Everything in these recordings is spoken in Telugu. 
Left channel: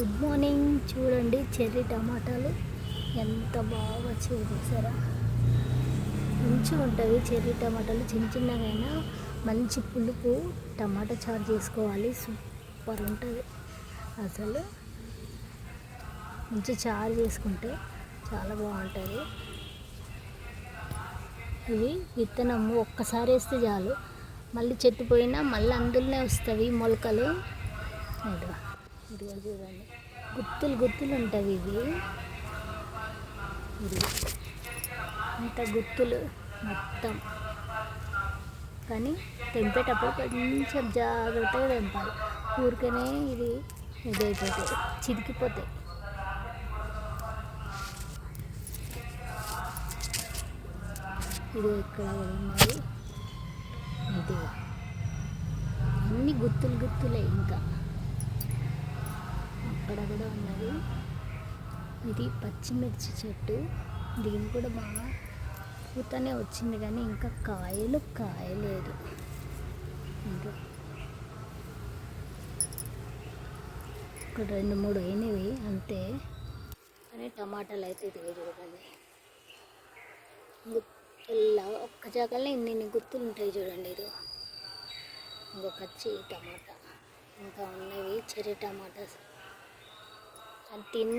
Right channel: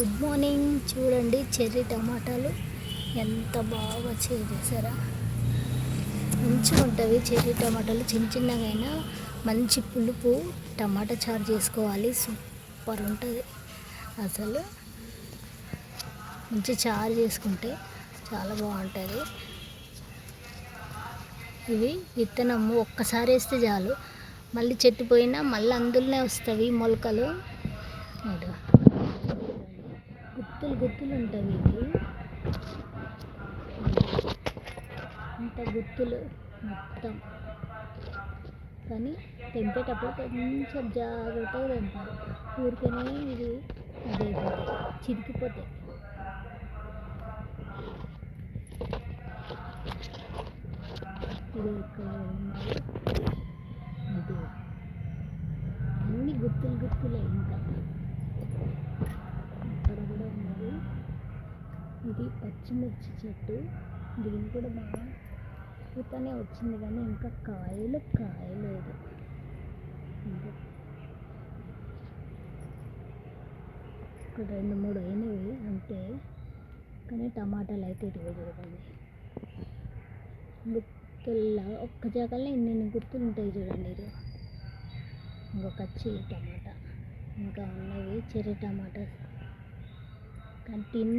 Good morning. చూడండి చెర్రీ టమాటాలు ఎంత బాగా వచ్చాయి చూసారా. మంచిగా ఉంటుంది చెర్రీ టమాటాలు. చిన్న చిన్నగైనా మంచి పులుపు టమాటా చారు చేసుకోవాలి, సూపర్ ఉంటుంది అసలు. మంచి చారు చేసుకుంటే చాలా బాగుంటుంది. ఇవి విత్తనము ఒక్కసారి వేస్తే చాలు, మళ్ళీ చెట్టు పోయినా మళ్ళీ అందులోనే వస్తాయి మొలకలు. గుత్తులు గుత్తులు ఉంటాయి ఇవి, ఇంత గుత్తులు మొత్తం. కానీ తెంపేటప్పుడు కొంచెం జాగ్రత్తగా తెంపాలి, ఊరికనే ఇది ఇదైపోతాయి, చిరికిపోతాయి. ఇది ఇక్కడ ఉన్నది, ఇది అన్ని గుత్తులు గుత్తులే. ఇంకా అక్కడ కూడా ఉన్నది. ఇది పచ్చిమిర్చి చెట్టు, దీని కూడా బాగా పూతనే వచ్చింది కానీ ఇంకా కాయలేదు. ఇంకా ఇక్కడ 2-3 అయినవి అంతే. కానీ టమాటాలు అయితే ఇదిగో చూడండి, గుత్తుల్లా ఒక్క జాగాలో ఇన్ని గుత్తులు ఉంటాయి చూడండి. ఇది ఇంకొక టమాటా, ఇంకా ఉన్నవి చెర్రీ టమాటాస్. కానీ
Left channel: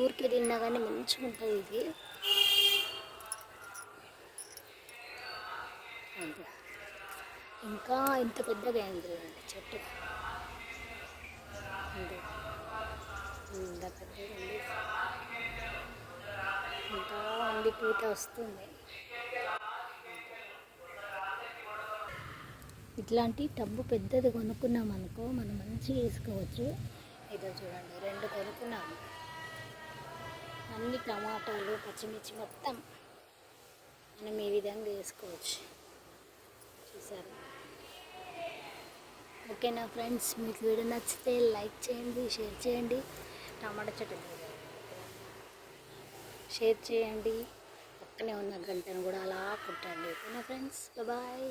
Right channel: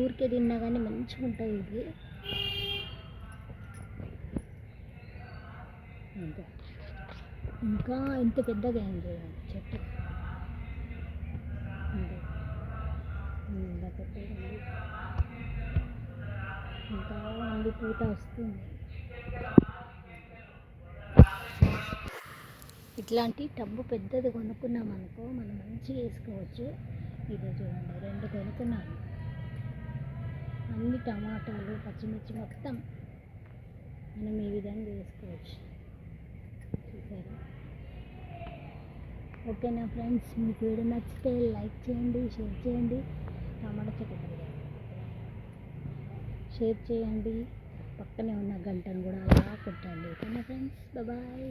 ఊరికే తిన్నా కానీ మంచిగా ఉంటుంది ఇది. అంతే, ఇంకా ఇంత పెద్దగా అయింది చూడండి చెట్టు, ఇంత పెద్దగా ఉంది. ఇంకా ఉంది, పూత వస్తుంది. ఇట్లాంటి టబ్బు పెద్దది కొనుక్కున్నాం అనుకో, మనం మంచిగా వేసుకోవచ్చు. ఇదో చూడండి 2 కొనుక్కున్నాము, అన్ని టమాటాలు పచ్చిమిర్చి మొత్తం మనం ఈ విధంగా వేసుకోవచ్చు. చూసారా. ఓకేనా ఫ్రెండ్స్, మీకు వీడియో నచ్చితే లైక్ చేయండి, షేర్ చేయండి. టమాటా చెట్టు షేర్ చేయండి, పక్కనే ఉన్న గంటను కూడా అలా కొట్టండి. ఓకేనా ఫ్రెండ్స్, బాయ్.